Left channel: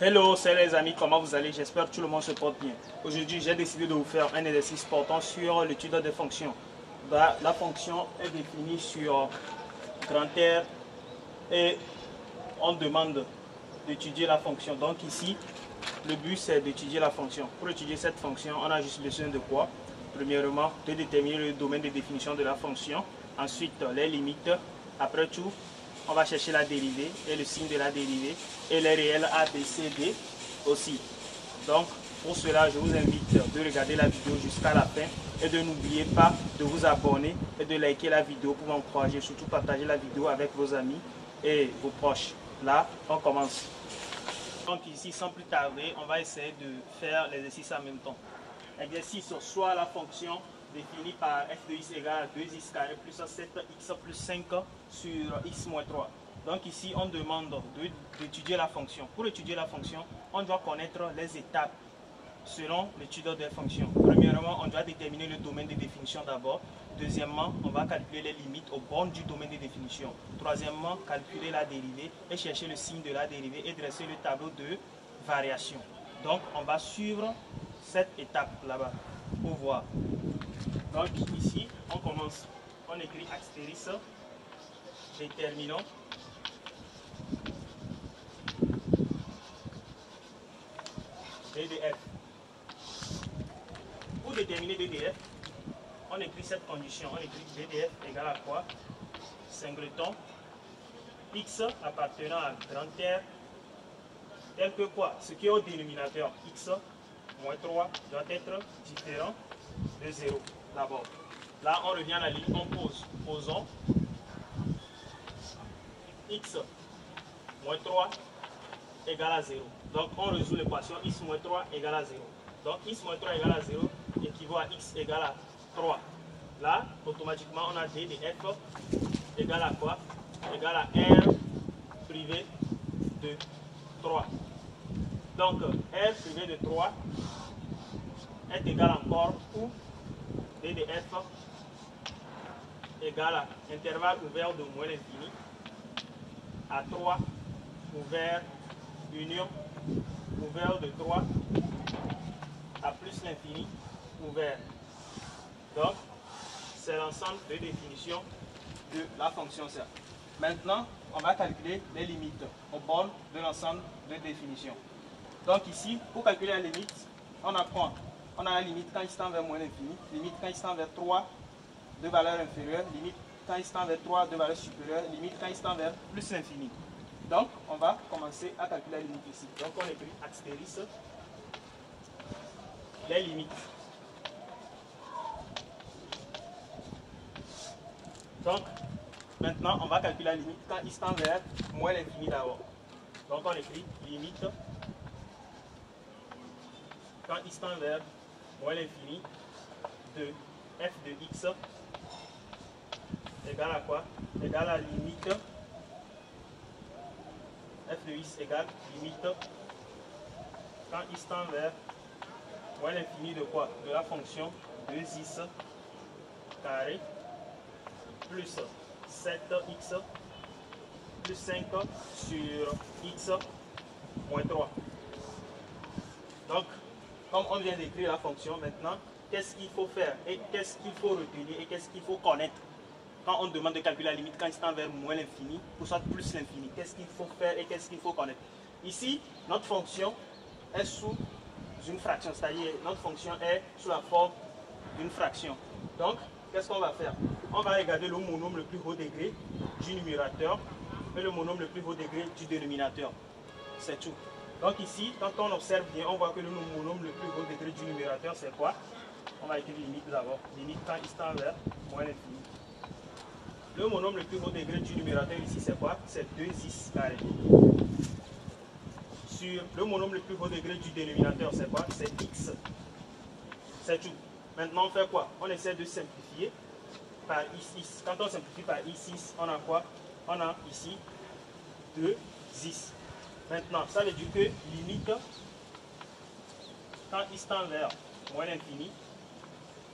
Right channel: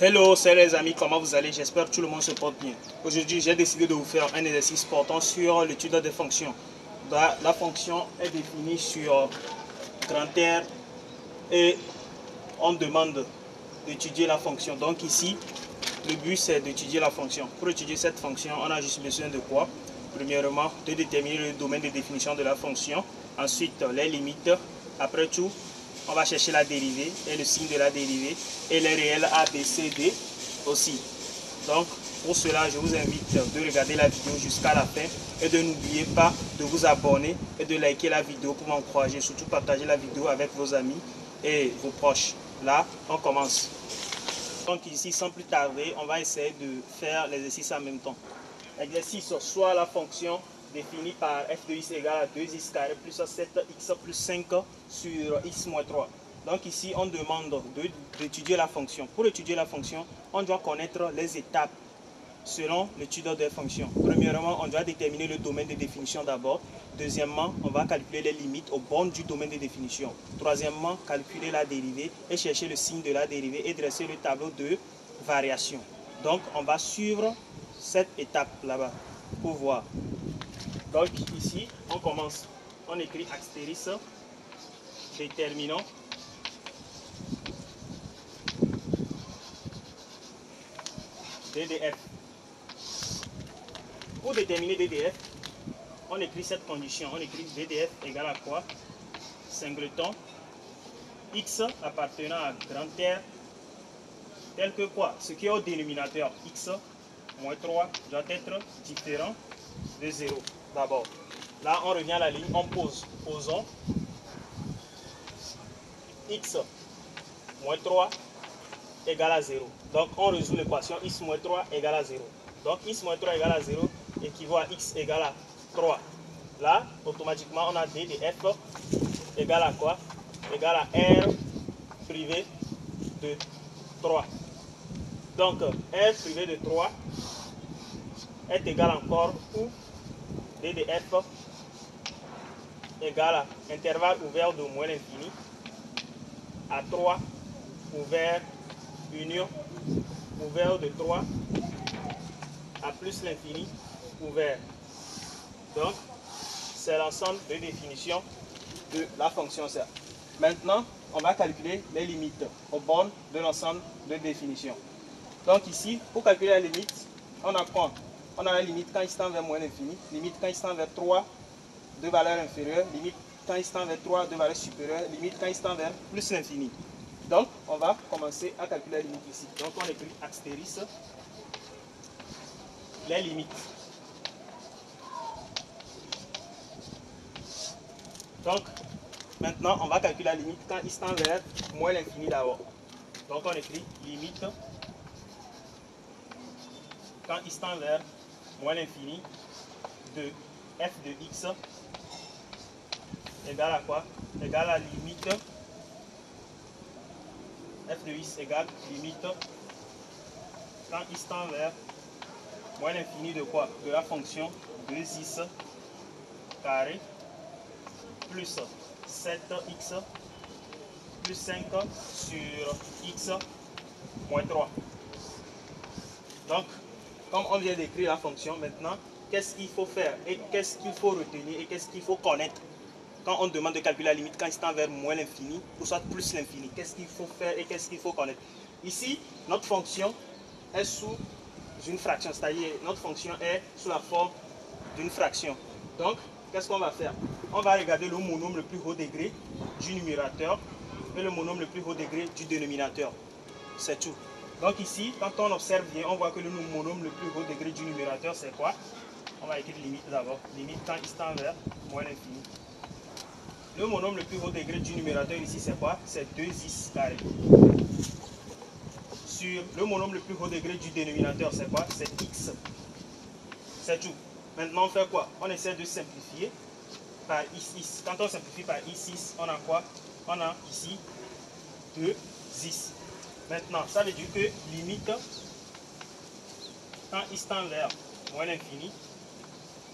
Hello, c'est les amis, comment vous allez? J'espère que tout le monde se porte bien. Aujourd'hui, j'ai décidé de vous faire un exercice portant sur l'étude des fonctions. La fonction est définie sur grand R et on demande d'étudier la fonction. Donc ici, le but c'est d'étudier la fonction. Pour étudier cette fonction, on a juste besoin de quoi? Premièrement, de déterminer le domaine de définition de la fonction. Ensuite, les limites. Après tout, on va chercher la dérivée et le signe de la dérivée et les réels A, B, C, D aussi. Donc, pour cela, je vous invite de regarder la vidéo jusqu'à la fin et de n'oubliez pas de vous abonner et de liker la vidéo pour m'encourager. Surtout, partager la vidéo avec vos amis et vos proches. Là, on commence. Donc ici, sans plus tarder, on va essayer de faire l'exercice en même temps. L'exercice, soit la fonction définie par f de x égale à 2x carré plus 7x plus 5 sur x moins 3. Donc ici, on demande d'étudier la fonction. Pour étudier la fonction, on doit connaître les étapes selon l'étude des fonctions. Premièrement, on doit déterminer le domaine de définition d'abord. Deuxièmement, on va calculer les limites aux bornes du domaine de définition. Troisièmement, calculer la dérivée et chercher le signe de la dérivée et dresser le tableau de variation. Donc, on va suivre cette étape là-bas pour voir. Donc, ici, on commence. On écrit astérisque, déterminant. DDF. Pour déterminer DDF, on écrit cette condition. On écrit DDF égale à quoi? Singleton x appartenant à grand R tel que quoi? Ce qui est au dénominateur x moins 3 doit être différent de 0 d'abord. Là, on revient à la ligne, on pose. Posons x moins 3 égale à 0. Donc, on résout l'équation x moins 3 égale à 0. Donc, x moins 3 égale à 0 équivaut à x égale à 3. Là, automatiquement, on a d de f égale à quoi? Égale à r privé de 3. Donc, r privé de 3 est égal encore où d de f égale à intervalle ouvert de moins l'infini à 3 ouvert union ouvert de 3 à plus l'infini ouvert. Donc, c'est l'ensemble de définitions de la fonction C. Maintenant, on va calculer les limites aux bornes de l'ensemble de définitions. Donc ici, pour calculer la limite, on apprend. On a la limite quand il tend vers moins l'infini, limite quand il tend vers 3 de valeur inférieure, limite quand il tend vers 3 de valeur supérieure, limite quand il tend vers plus l'infini. Donc, on va commencer à calculer la limite ici. Donc, on écrit astérisque, les limites. Donc, maintenant, on va calculer la limite quand il tend vers moins l'infini d'abord. Donc, on écrit limite quand il tend vers moins l'infini de f de x égale à quoi? Égale à limite f de x égale limite quand il tend vers moins l'infini de quoi? De la fonction 2x carré plus 7x plus 5 sur x moins 3. Donc, comme on vient d'écrire la fonction, maintenant, qu'est-ce qu'il faut faire et qu'est-ce qu'il faut retenir et qu'est-ce qu'il faut connaître quand on demande de calculer la limite quand il tend vers moins l'infini ou soit plus l'infini? Qu'est-ce qu'il faut faire et qu'est-ce qu'il faut connaître? Ici, notre fonction est sous une fraction, c'est-à-dire notre fonction est sous la forme d'une fraction. Donc, qu'est-ce qu'on va faire? On va regarder le monôme le plus haut degré du numérateur et le monôme le plus haut degré du dénominateur. C'est tout. Donc ici, quand on observe bien, on voit que le monôme le plus haut degré du numérateur, c'est quoi? On va écrire limite d'abord. Limite quand il tend vers moins l'infini. Le monôme le plus haut degré du numérateur ici, c'est quoi? C'est 2x carré. Sur le monôme le plus haut degré du dénominateur, c'est quoi? C'est x. C'est tout. Maintenant, on fait quoi? On essaie de simplifier par i6. Quand on simplifie par i6, on a quoi? On a ici 2x. Maintenant, ça veut dire que limite, quand il tend vers moins l'infini,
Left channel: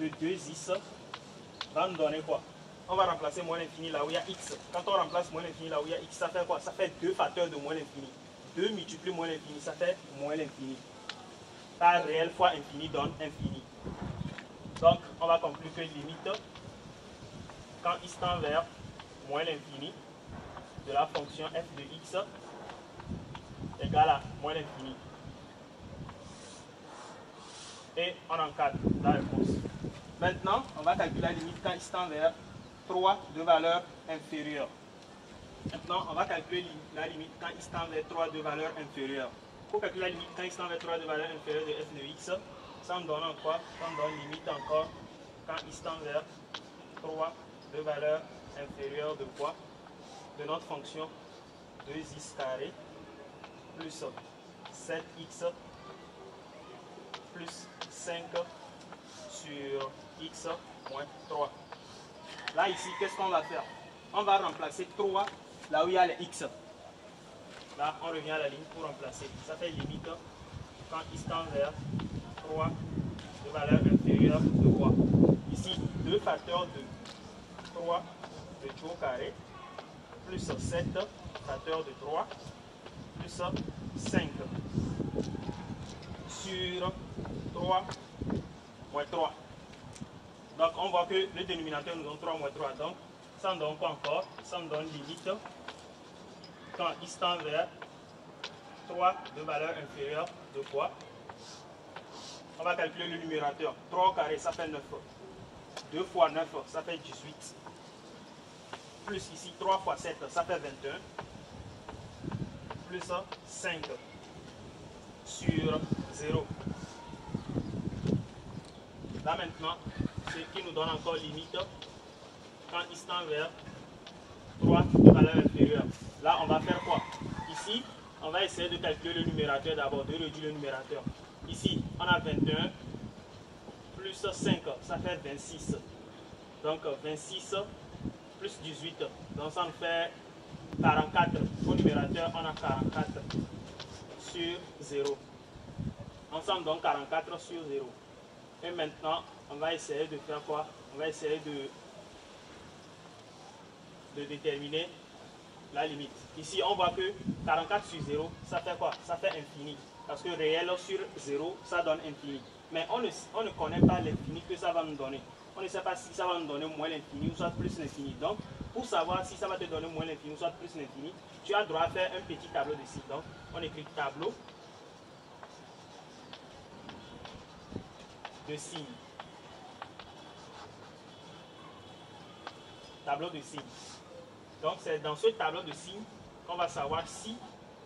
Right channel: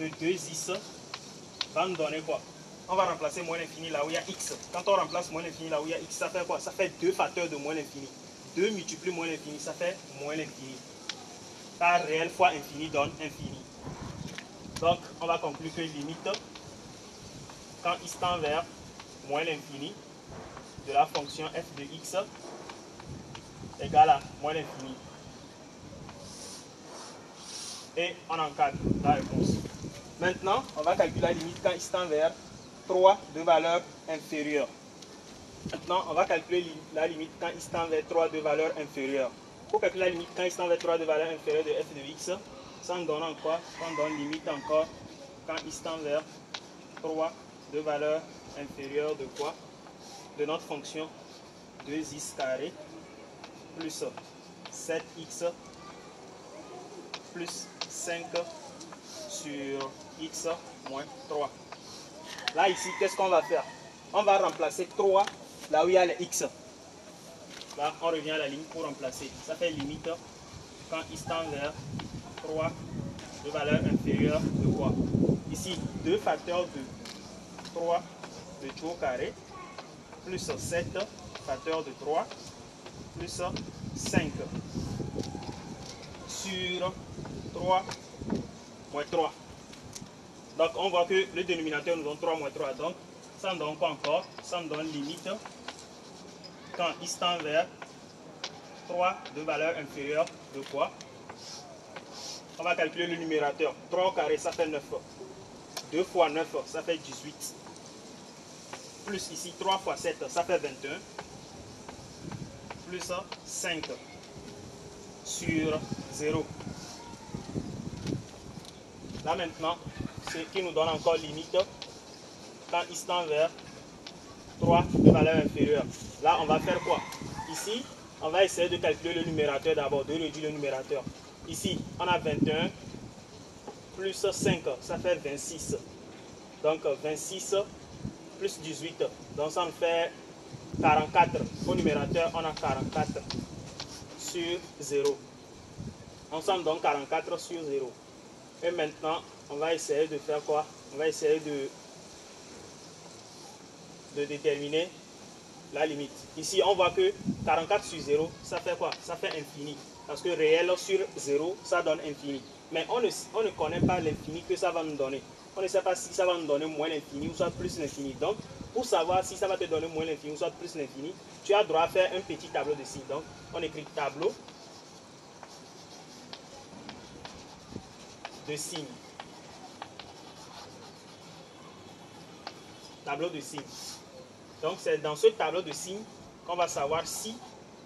de 2x, va nous donner quoi? On va remplacer moins l'infini là où il y a x. Quand on remplace moins l'infini là où il y a x, ça fait quoi? Ça fait 2 facteurs de moins l'infini. 2 multiplie moins l'infini, ça fait moins l'infini. Car réel fois infini donne infini. Donc, on va conclure que limite, quand x tend vers moins l'infini de la fonction f de x égale à moins l'infini. Et on encadre la réponse. Maintenant, on va calculer la limite quand x tend vers 3 de valeur inférieure. Maintenant, on va calculer la limite quand x tend vers 3 de valeur inférieure. Pour calculer la limite quand x tend vers 3 de valeur inférieure de f de x, ça me donne quoi? Ça me donne limite encore quand x tend vers 3 de valeur inférieure de quoi? De notre fonction 2x carré plus 7x plus 5 sur x moins 3. Là, ici, qu'est-ce qu'on va faire? On va remplacer 3 là où il y a les x. Là, on revient à la ligne pour remplacer. Ça fait limite quand x tend vers 3 de valeur inférieure de quoi? Ici, 2 facteurs de 3 de 2 au carré plus 7 facteurs de 3 plus 5 sur 3 moins 3. Donc, on voit que le dénominateur nous donne 3 moins 3. Donc, ça me donne quoi encore? Ça me donne limite quand x tend vers 3 de valeur inférieure de quoi? On va calculer le numérateur. 3 au carré, ça fait 9. 2 fois 9, ça fait 18. Plus ici, 3 fois 7, ça fait 21. Plus 5 sur 0. Là maintenant, ce qui nous donne encore limite quand x tend vers 3 de valeur inférieure. Là, on va faire quoi? Ici, on va essayer de calculer le numérateur d'abord, de réduire le numérateur. Ici, on a 21 plus 5, ça fait 26. Donc 26 plus 18, donc ça nous fait 44. Au numérateur, on a 44 sur 0. Ensemble, donc 44 sur 0. Et maintenant, on va essayer de faire quoi? On va essayer de déterminer la limite. Ici, on voit que 44 sur 0, ça fait quoi? Ça fait infini. Parce que réel sur 0, ça donne infini. Mais on ne connaît pas l'infini que ça va nous donner. On ne sait pas si ça va nous donner moins l'infini ou soit plus l'infini. Donc, pour savoir si ça va te donner moins l'infini ou soit plus l'infini, tu as droit à faire un petit tableau de signes. Donc, on écrit tableau de signes. Tableau de signes. Donc, c'est dans ce tableau de signes qu'on va savoir si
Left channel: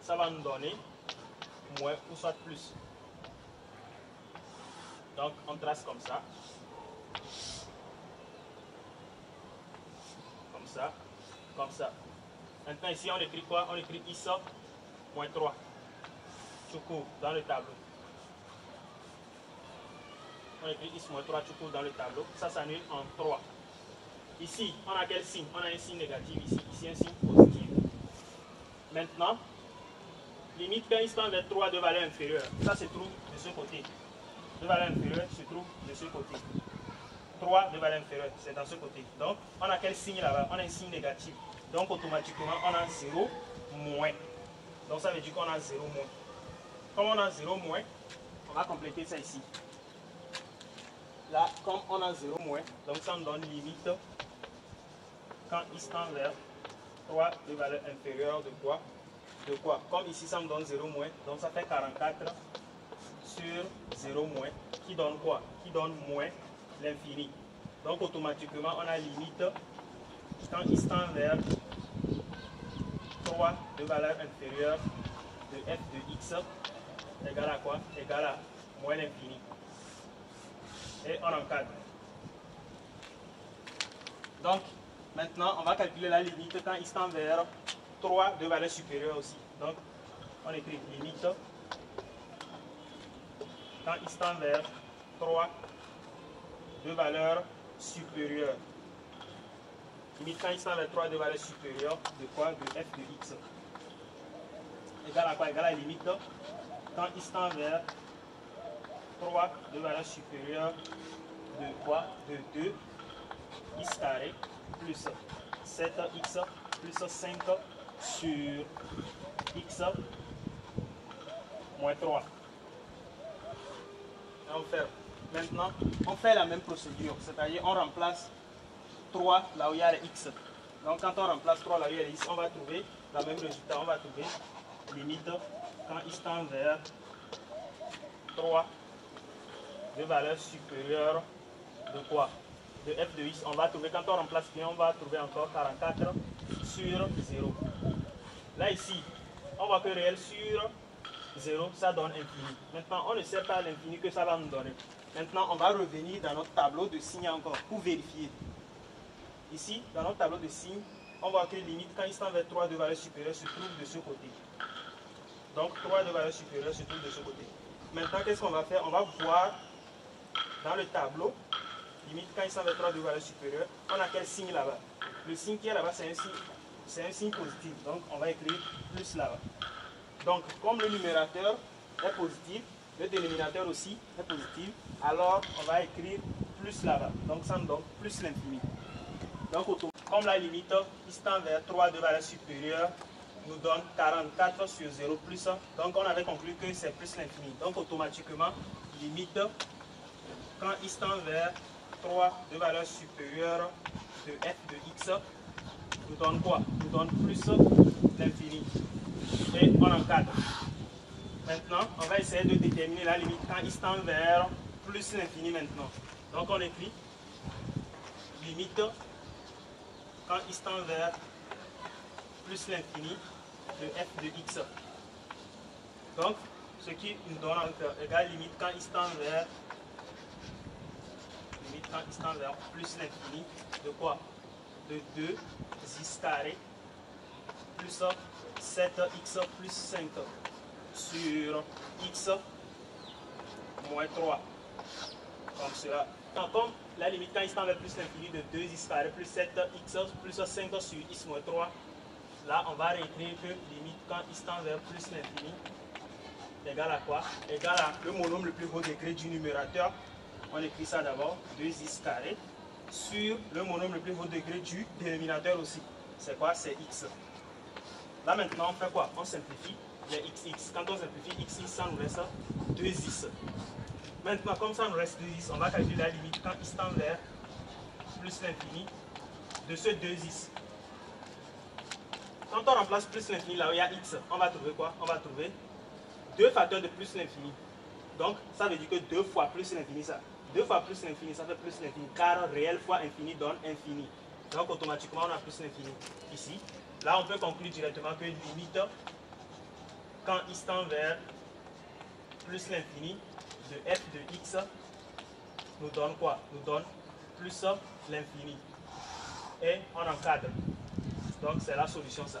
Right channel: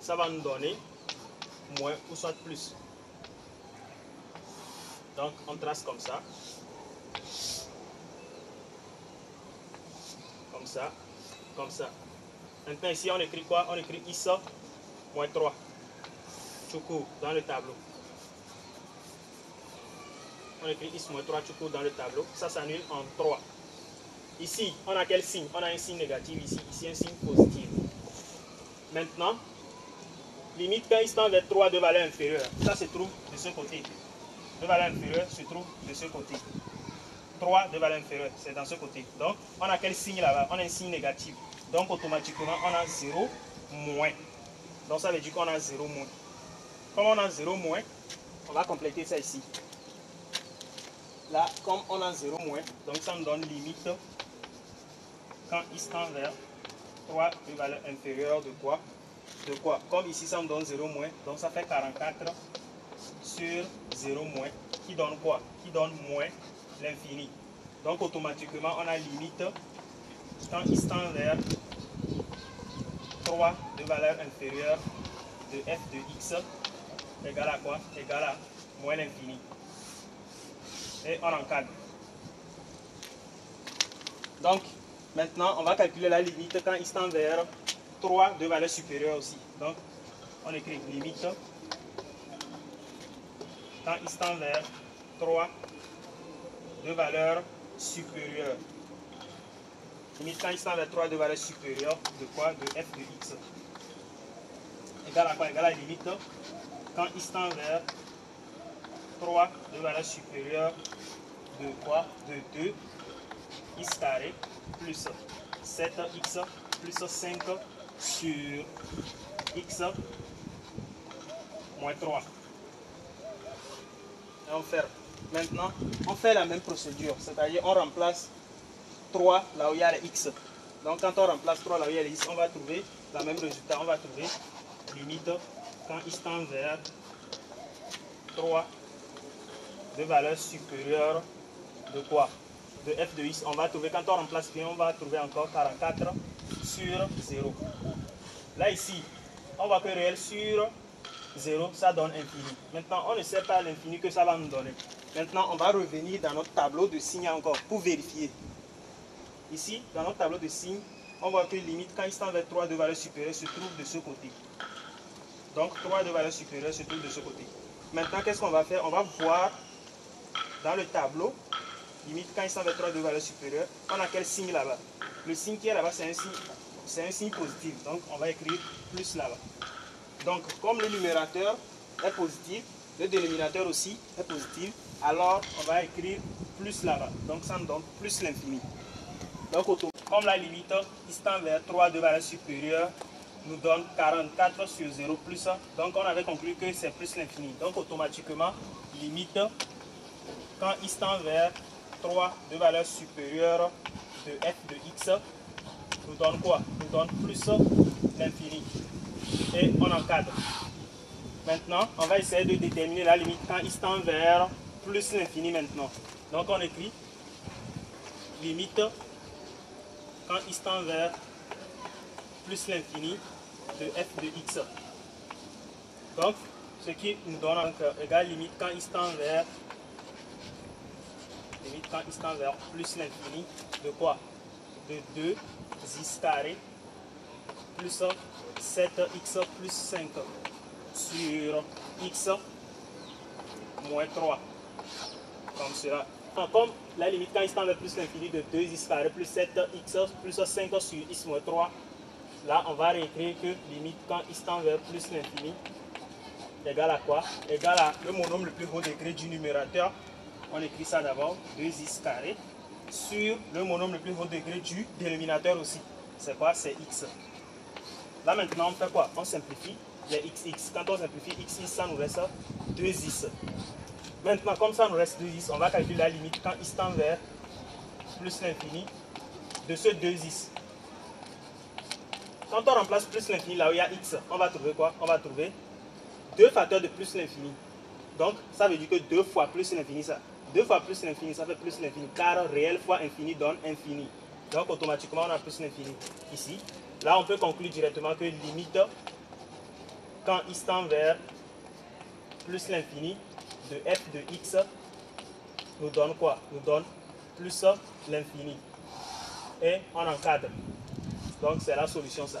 ça va nous donner moins ou soit plus. Donc, on trace comme ça. Comme ça. Comme ça. Maintenant, ici, on écrit quoi? On écrit x moins 3. Choukou dans le tableau. On écrit x moins 3 choukou dans le tableau. Ça s'annule en 3. Ici, on a quel signe? On a un signe négatif ici. Ici, un signe positif. Maintenant, limite quand x tend vers 3 de valeur inférieure. Ça se trouve de ce côté. De valeur inférieure se trouve de ce côté. 3 de valeur inférieure, c'est dans ce côté. Donc, on a quel signe là-bas? On a un signe négatif. Donc, automatiquement, on a 0 moins. Donc, ça veut dire qu'on a 0 moins. Comme on a 0 moins, on va compléter ça ici. Là, comme on a 0 moins, donc ça me donne limite quand x tend vers 3 de valeur inférieure de quoi? De quoi? Comme ici, ça me donne 0 moins, donc ça fait 44 sur 0 moins, qui donne quoi? Qui donne moins l'infini. Donc automatiquement, on a limite quand x tend vers 3 de valeur inférieure de f de x égale à quoi? Égale à moins l'infini. Et on encadre. Donc, maintenant, on va calculer la limite quand x tend vers 3 de valeur supérieure aussi. Donc, on écrit limite quand x tend vers 3 de valeur supérieure. Limite quand x tend vers 3 de valeur supérieure de quoi? De f de x. Égale à quoi? Égale à la limite quand x tend vers 3 de valeur supérieure de quoi? De 2 x carré plus 7x plus 5 sur x moins 3. Et on ferme. Maintenant, on fait la même procédure, c'est-à-dire on remplace 3 là où il y a les x. Donc quand on remplace 3 là où il y a les x, on va trouver le même résultat. On va trouver limite quand x tend vers 3 de valeur supérieure de quoi? De f de x. On va trouver, quand on remplace bien, on va trouver encore 44 sur 0. Là ici, on voit que réel sur 0, ça donne infini. Maintenant, on ne sait pas l'infini que ça va nous donner. Maintenant, on va revenir dans notre tableau de signes encore pour vérifier. Ici, dans notre tableau de signes, on voit que limite quand il tend vers 3 de valeur supérieure se trouve de ce côté. Donc 3 de valeur supérieure se trouve de ce côté. Maintenant, qu'est-ce qu'on va faire? On va voir dans le tableau, limite quand il tend vers 3 de valeur supérieure, on a quel signe là-bas? Le signe qui est là-bas, c'est un signe positif. Donc on va écrire plus là-bas. Donc comme le numérateur est positif, le dénominateur aussi est positif, alors on va écrire plus là-bas. Donc ça nous donne plus l'infini. Donc comme la limite qui tend vers 3 de valeur supérieure nous donne 44 sur 0 plus, donc on avait conclu que c'est plus l'infini. Donc automatiquement, limite quand il tend vers 3 de valeur supérieure de f de x nous donne quoi? Nous donne plus l'infini. Et on encadre. Maintenant, on va essayer de déterminer la limite quand il tend vers plus l'infini maintenant. Donc on écrit limite quand il tend vers plus l'infini de f de x. Donc, ce qui nous donne égal limite quand il tend vers plus l'infini de quoi? De 2x carré plus 7x plus 5 sur x moins 3. Comme cela. Donc, comme la limite quand il tend vers plus l'infini de 2x carré plus 7x plus 5 sur x moins 3, là on va réécrire que limite quand il tend vers plus l'infini égale à quoi? Égale à le monome le plus haut degré du numérateur. On écrit ça d'abord, 2x carré sur le monome le plus haut degré du dénominateur aussi. C'est quoi? C'est x. Là maintenant on fait quoi? On simplifie les x. Quand on simplifie x, ça nous reste 2x. Maintenant comme ça nous reste 2x, on va calculer la limite quand il tend vers plus l'infini de ce 2x. Quand on remplace plus l'infini là où il y a x, on va trouver quoi? On va trouver 2 facteurs de plus l'infini. Donc ça veut dire que 2 fois plus l'infini, ça. 2 fois plus l'infini, ça fait plus l'infini. Car réel fois infini donne infini. Donc automatiquement on a plus l'infini ici. Là on peut conclure directement que limite quand il tend vers plus l'infini de f de x nous donne quoi? Nous donne plus l'infini. Et on encadre. Donc c'est la solution ça.